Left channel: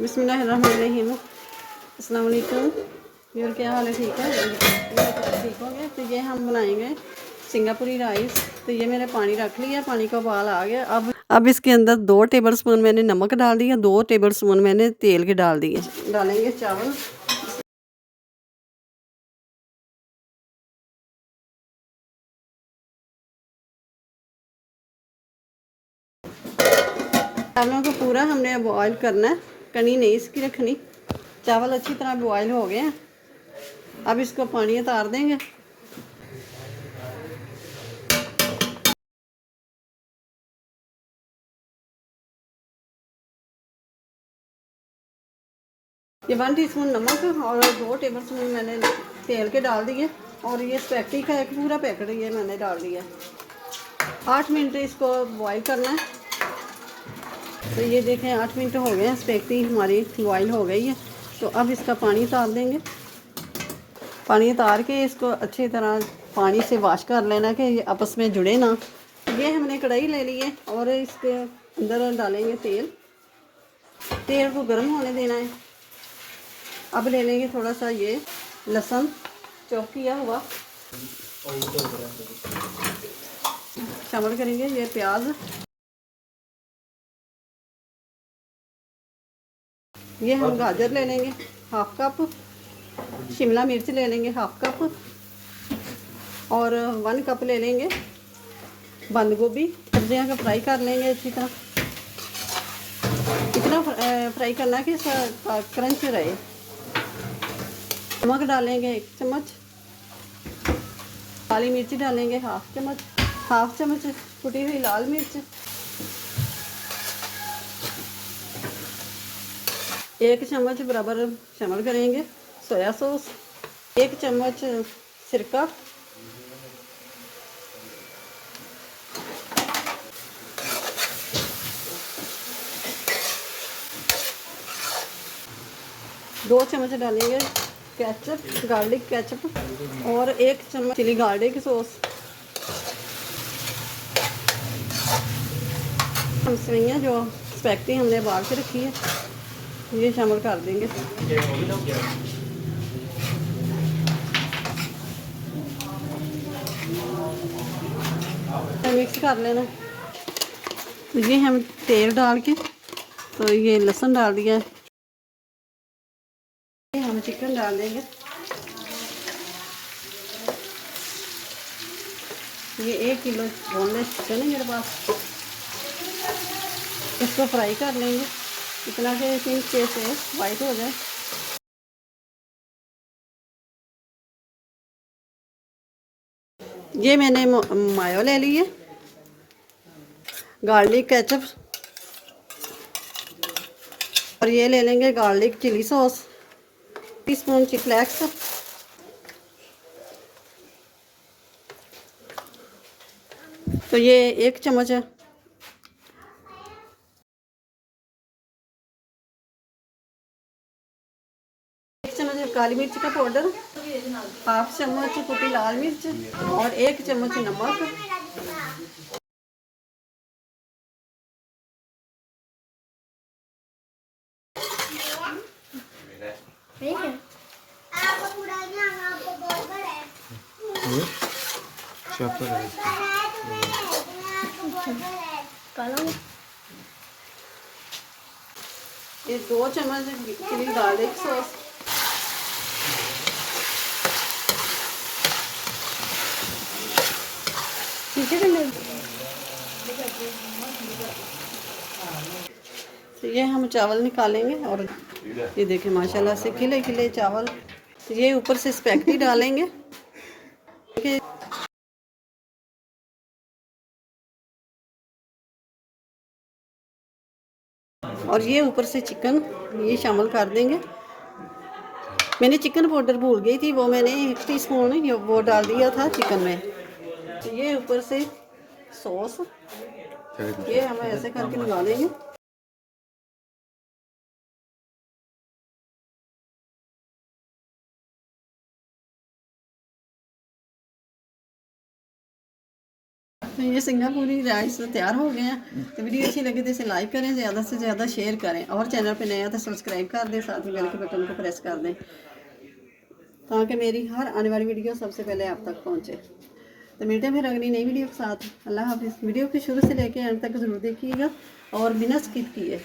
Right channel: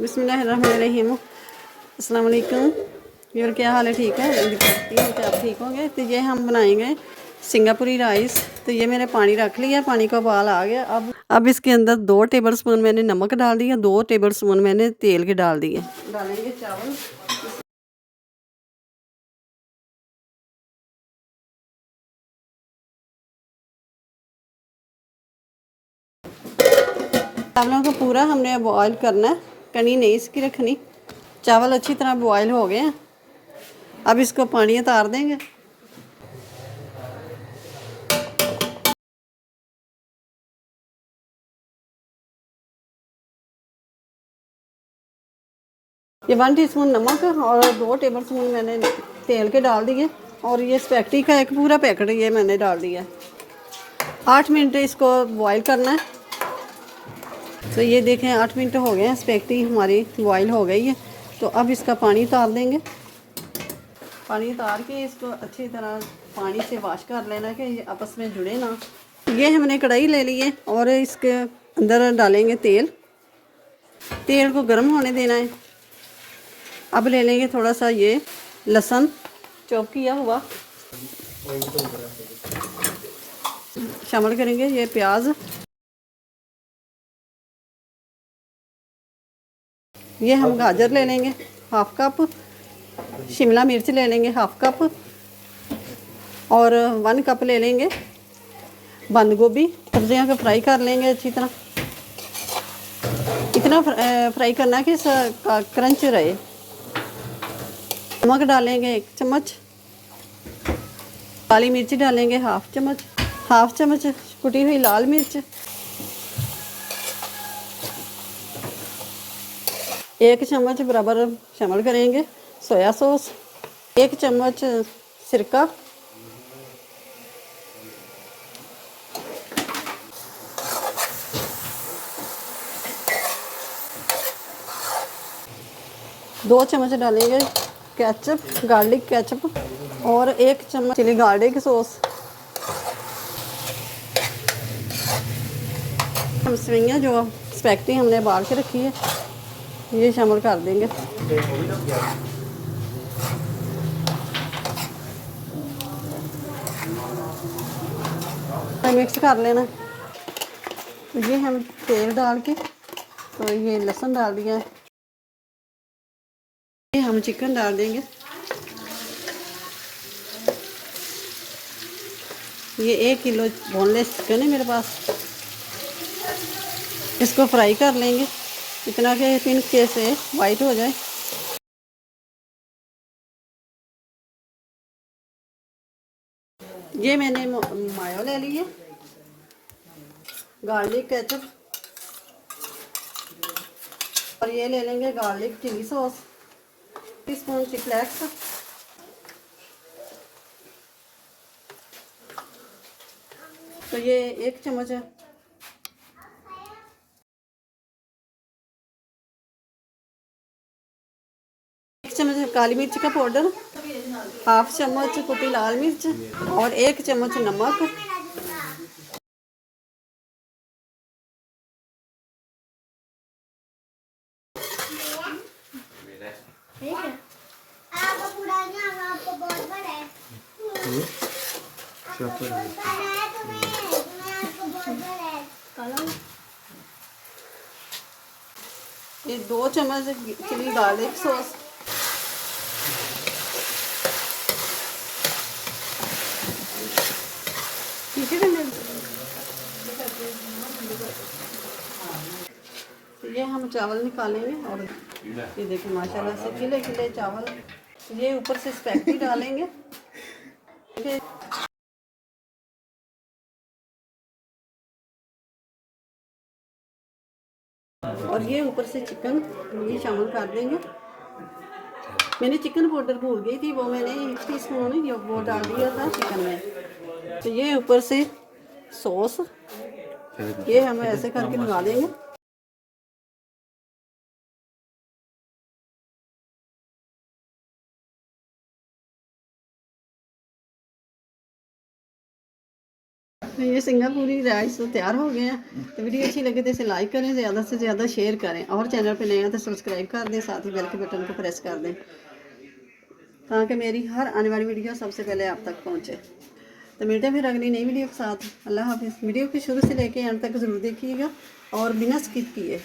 बिस्मिल्लाहिर्रहमानिर्रहीम। अस्सलाम वालेकुम। और क्या हाल है? ठीक है, उम्मीद करती हूँ कि आप ठीक होंगे। तो ये हम बनाएंगे सिंगापुरी राइस। तो ये मैंने पानी रख लिया, पानी का उबाल आ गया। अब इसके अंदर 2 टेबल स्पून मैंने नमक डाल दिया, 2 टेबल स्पून मैंने तेल के डाल दिए। डालेंगे चावल। चावलों को पूरा हमने बॉयल करना है, कनी नहीं इसकी रखनी। चावल अच्छी तरह बॉयल हो गए हैं। अब इसको पानी उतार देंगे। ये 1 टीस्पून नमक और 2 टेबल स्पून मैंने तेल के डाल दिए। और ये स्पैगेटी का एक पूरा पैकेट ये मैंने डाल दिया। 8 मिनट इसको बॉईल करना है। तो ये देखें 8 मिनट हो गए हैं, स्पैगेटी हमारी बॉईल हो गई है। तो अब इसका पानी उतार देंगे। पानी उतार के इसको अच्छी तरह पानी से वॉश कर लेना कि ये आपस में जुड़े ना। ये हमने कढ़ाई ले ली है और इसके अंदर डालेंगे तेल। तेल को गर्म होने देना है। अब ले लेंगे थोड़ा सा ये लहसुन चॉप किया हुआ, शामिल करेंगे। ये प्याज, ये हम गाजर ले लेंगे 1/2 कप, शिमला मिर्च ले लेंगे 1/2 कप और 1 कप ले लेंगे बंद गोभी। सब्जियों को फ्राई कर लेंगे अच्छी तरह। इतना फ्राई करना है कि क्रंच रहे। नमक डालेंगे 1 चम्मच, काली मिर्च डालेंगे 1/2 चम्मच, 1/2 चम्मच कुटी हुई लाल मिर्च, 1 चम्मच बराबर शामिल करेंगे सोया सॉस, 1 चम्मच सिरका, 2 चम्मच डालेंगे केचप, गार्लिक केचप और 1 चम्मच चिली गार्लिक सॉस। हम सवैयाँ जो स्पैगेटी हमने उबाल के रखी है ये शामिल कर देंगे। मिक्स कर लेना। ये हम तेल डाल के तो ये लहसुन डाल दिया है। ये हम चिकन डाल देंगे। ये 1 किलो बोनलेस चिकन है मेरे पास। इसको फ्राई कर लेंगे इतना कि पिंक से वाइट हो जाए। ये मैंने मायो ले ली है, गार्लिक केचप और ये ले लेंगे garlic chilli sauce, teaspoon chilli flakes, तो ये 1 चम्मच है। 1 चम्मच काली मिर्च का पाउडर, 1/2 चम्मच कुटी लाल मिर्च और 1 चम्मच नमक। ये 2 चम्मच चिली गार्लिक सॉस, ठीक है। तो ये हम चावल निकालेंगे और ये देखें माशाल्लाह से खिले खिले चावल। ये ऊपर से स्पैगेटी डालेंगे। और ये ऊपर से चिकन ये शामिल कर देंगे। मैंने चिकन पाउडर भूल गई थी, वो मैंने 1 टीस्पून वो डाल दिया था चिकन में। तो ये ऊपर से सॉस ये हम ऐसे करके लगा देंगे। ये सिंगापुरी राइस तैयार हो गए हैं। तो वीडियो अच्छी लगे तो इसे लाइक करें, ज़्यादा से ज़्यादा शेयर करें, और चैनल पे नए हैं तो सब्सक्राइब कर दें, साथ ही बेल के बटन को प्रेस कर दें ताकि मेरी हर आने वाली वीडियो सबसे पहले आप तक पहुंचे। तो मिलते हैं फिर अगली नई वीडियो के साथ। अल्लाह हाफिज़। वीडियो को शुरू से लेके एंड तक ज़रूर देखिएगा और बिना स्किप किए।